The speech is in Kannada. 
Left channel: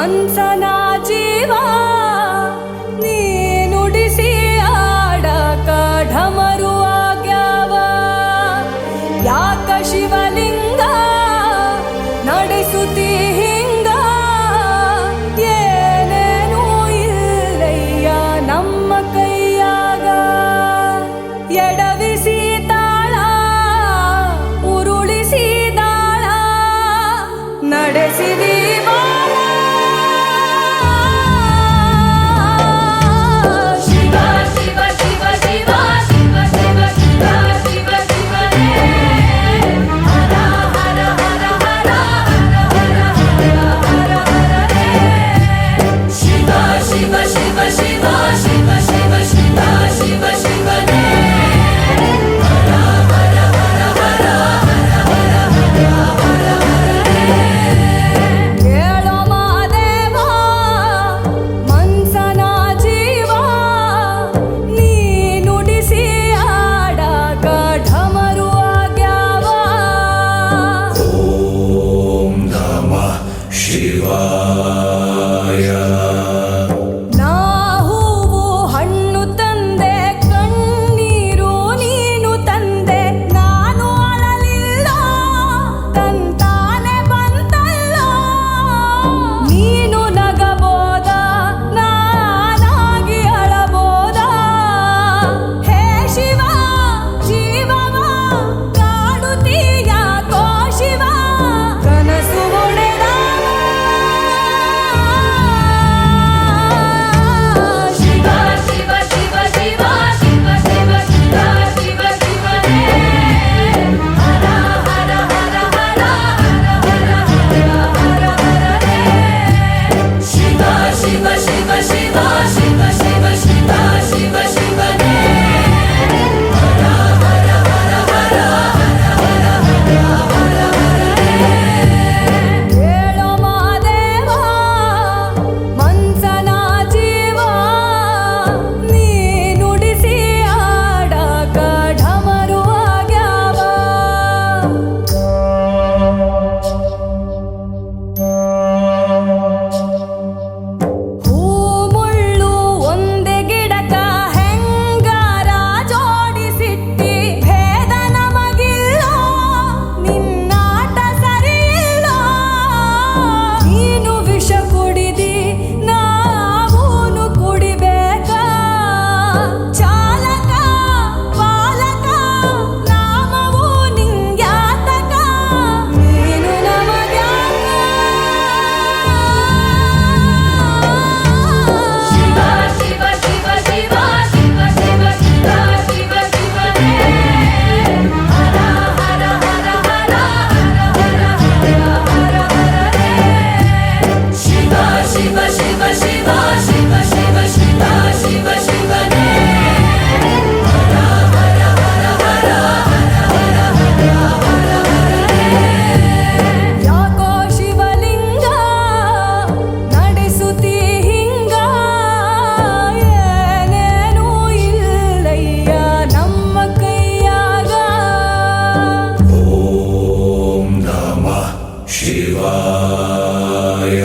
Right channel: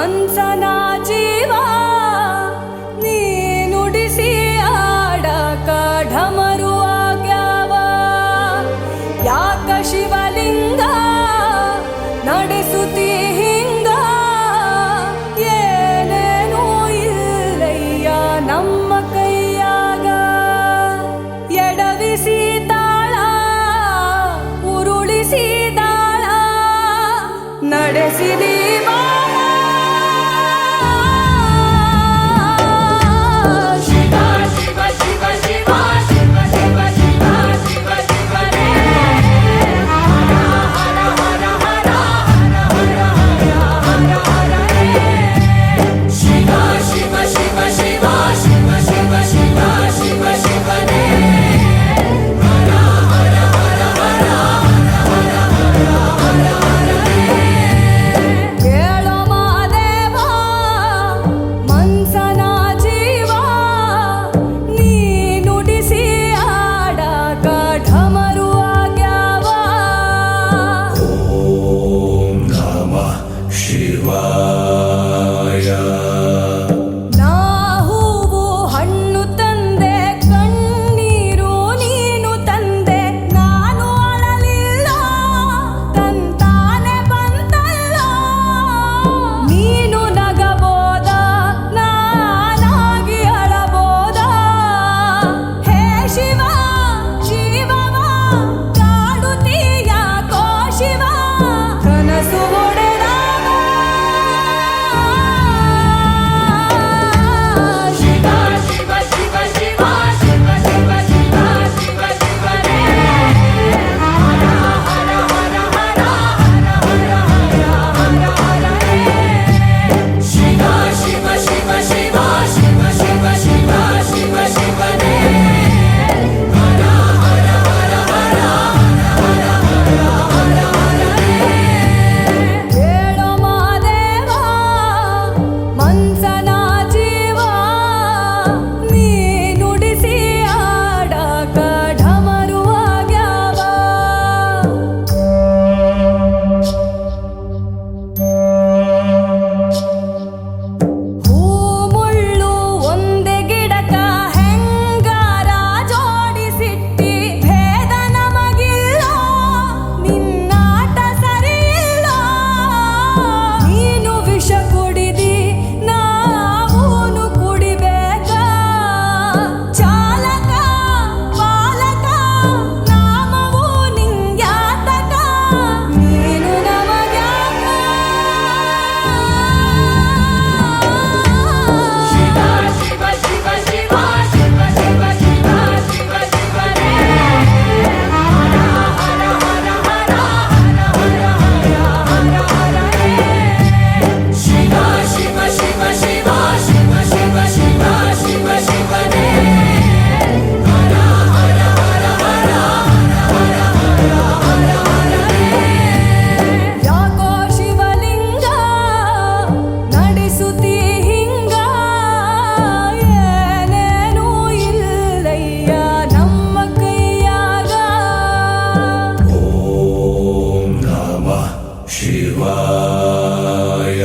ಮನ್ಸನ ಜೀವ ನೀ ನುಡಿಸಿ ಆಡಕ ಢಮರು ಆಗ್ಯಾವ ಯಾಕ ಶಿವಲಿಂಗ ನಡೆಸುತ್ತಿ ಹಿಂಗ ಏನೇನೂ ಇಲ್ಲಯ್ಯ ನಮ್ಮ ಕೈಯಾಗ ಎಡವಿಸಿ ತಾಳ ಉರುಳಿಸಿ ದಾಳ ನಡೆಸಿದಿ ಬಾಳ ಶಿವ ಶಿವ ಶಿವ ಶಿವ ಶಿವ ಶಿವ ಶಿವ ಶಿವ ಶಿವನೇ ಹರ ಹರ ಹರ ಹರ ಹರ ಹರ ಹರ ಹರ ಶಿವ ಶಿವ ಶಿವ ಶಿವ ಶಿವ ಶಿವ ಶಿವ ಶಿವ ಶಿವನೇ ಹರ ಹರ ಹರ ಹರ ಹರ ಹರ ಹರ ಹರ ಕೇಳೋ ಮಾದೇವ ಮನ್ಸನ ಜೀವ ನೀ ನುಡಿಸಿ ಆಡಕ ಢಮರು ಆಗ್ಯಾವ ಓಂ ನಮಃ ಶಿವಾಯ. ನಾ ಹೂವು ಹಣ್ಣು ತಂದೆ ಕಣ್ಣೀರು ನೀನು ತಂದೆ ನಾನು ಅಳಲಿಲ್ಲ ತಂತಾನೆ ಬಂತಲ್ಲ ನೀನು ನಗಬೋದ ನಾನಾಗಿ ಅಳಬೋದ ಹೇ ಶಿವ ಜೀವವ ಕಾಡುತ್ತೀಯ ಕೋ ಶಿವ ಕನಸು ಒಡೆದವ ಶಿವ ಶಿವ ಶಿವ ಶಿವ ಶಿವ ಶಿವ ಶಿವ ಶಿವ ಶಿವನೇ ಹರ ಹರ ಹರ ಹರ ಹರ ಹರ ಹರ ಹರ ಶಿವ ಶಿವ ಶಿವ ಶಿವ ಶಿವ ಶಿವ ಶಿವ ಶಿವ ಶಿವನೇ ಹರ ಹರ ಹರ ಹರ ಹರ ಹರ ಹರ ಹರ ಕೇಳೋ ಮಾದೇವ ಮನ್ಸನ ಜೀವ ನೀ ನುಡಿಸಿ ಆಡಕ ಢಮರು ಆಗ್ಯಾವ ಹೂ ಮುಳ್ಳು ಒಂದೇ ಗಿಡಕ ಹೆಂಗಾರ ಜೋಡಿಸಿಟ್ಟಿ ಭೇದ ನಮಗಿಲ್ಲ ನಿನ್ನಾಟ ಸರಿಯಿಲ್ಲ ನೀನು ವಿಷ ಕುಡಿದಿ ನಾವೂನು ಕುಡಿಬೇಕ ಚಾಲಕ ಪಾಲಕ ನಾಮವು ನಿಂಗ್ಯಾತಕ ನೀನು ನಮಗ್ಯಾಕ ಶಿವ ಶಿವ ಶಿವ ಶಿವ ಶಿವ ಶಿವ ಶಿವ ಶಿವ ಶಿವನೇ ಹರ ಹರ ಹರ ಹರ ಹರ ಹರ ಹರ ಹರ ಶಿವ ಶಿವ ಶಿವ ಶಿವ ಶಿವ ಶಿವ ಶಿವ ಶಿವ ಶಿವನೇ ಹರ ಹರ ಹರ ಹರ ಹರ ಹರ ಹರ ಹರ ಯಾಕೋ ಶಿವಲಿಂಗ ನಡೆಸುತ್ತಿ ಹಿಂಗ ಏನೇನೂ ಇಲ್ಲಯ್ಯ ನಮ್ಮ ಕೈಯಾಗ ಓಂ ನಮಃ ಶಿವಾಯ.